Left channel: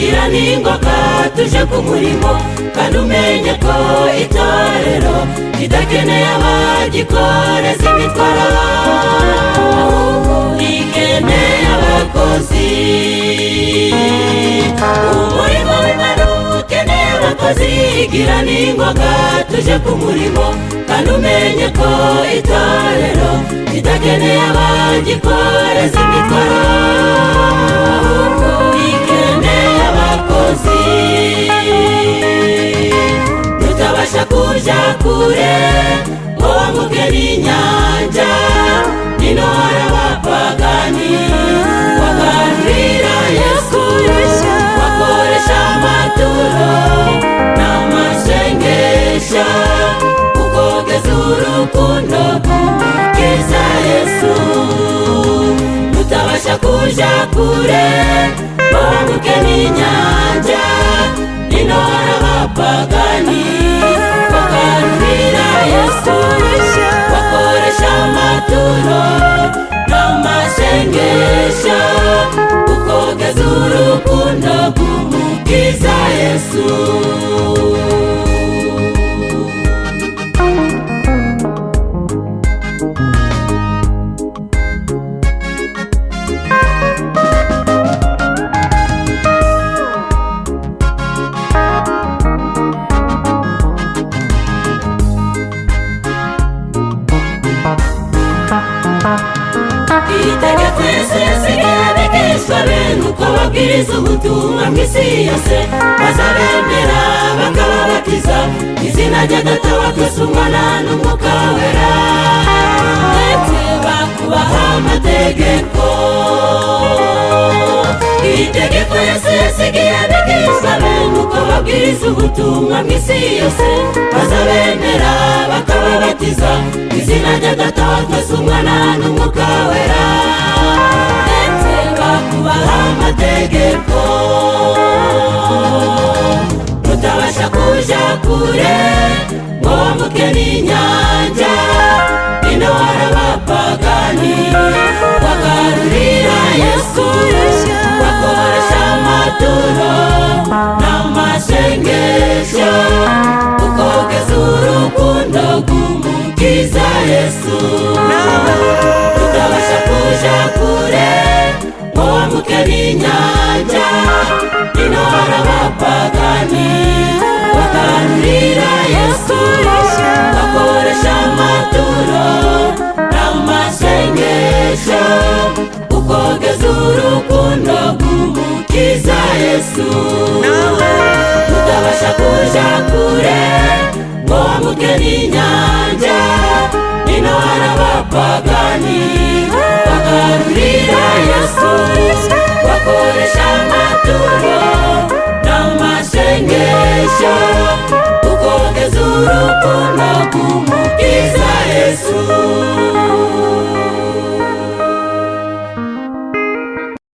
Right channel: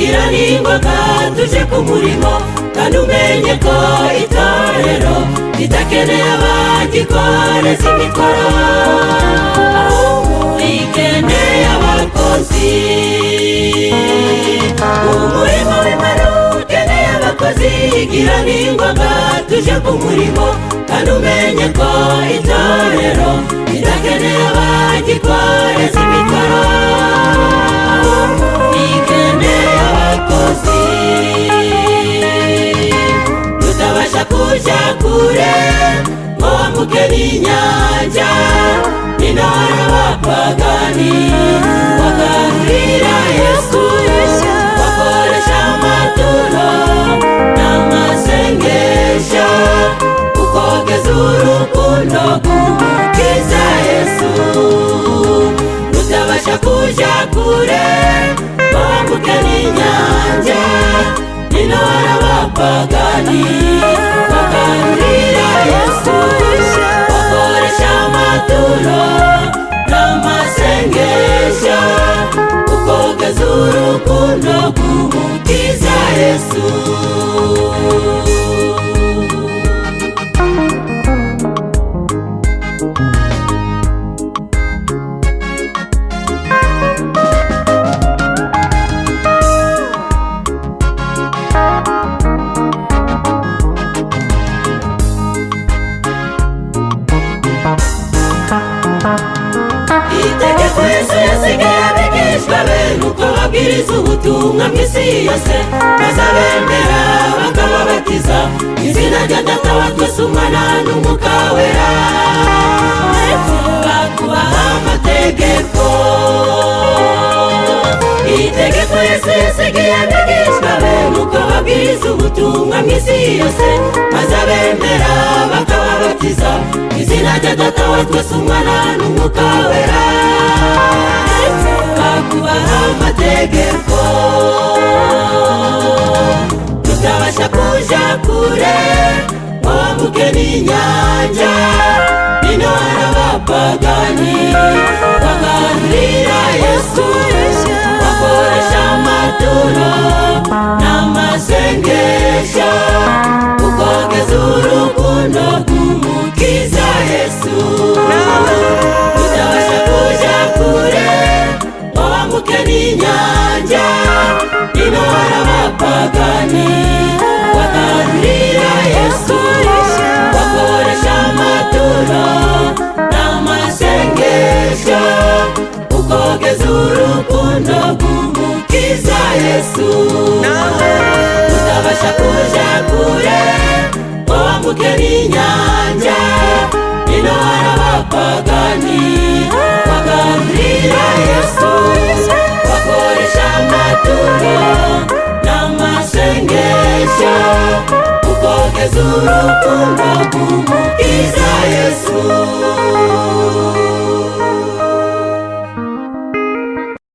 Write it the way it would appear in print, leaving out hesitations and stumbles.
Gira n'ingoga tuje ku murimo kandi umenye ko itorero ridakeneye abagikoreza imitwaro, rikeneye abakozi. Umurimo w'Imana ukeneye abakozi. Gira n'ingoga tuje ku murimo kandi umenye ko itorero ridakeneye abagikoreza imitwaro, tutabasha kuja kure ngo wambuke n'inyanja. Nino hari abapagani bagahurira Yesu, bakoresha amaturo n'amasengesho ukogeza urukundo rw'Umukiza Yesu. Tutabasha kuja kure ngo wambuke n'inyanja. Nino hari abapagani bagahurira Yesu, bakoresha amaturo n'amasengesho ukogeza urukundo rw'Umukiza Yesu. Itegeko Yesu yasigaye abigishwa be nuko babwiriza ubutumwa mw'isi yose, bazabemera bakababatiza izina rya Data wa twese, Umwana n'Umwuka Wera, ndetse bakubaha amategeko. Itegeko Yesu yasigaye abigishwa be nuko babwiriza ubutumwa mw'isi yose, bazabemera bakababatiza izina rya Data wa twese, Umwana n'Umwuka Wera, ndetse bakubaha amategeko. Tutabasha kuja kure ngo wambuke n'inyanja. Nino hari abapagani bagahurira Yesu, bakoresha amaturo n'amasengesho ukogeza urukundo rw'Umukiza Yesu. Tutabasha kuja kure ngo wambuke n'inyanja. Nino hari abapagani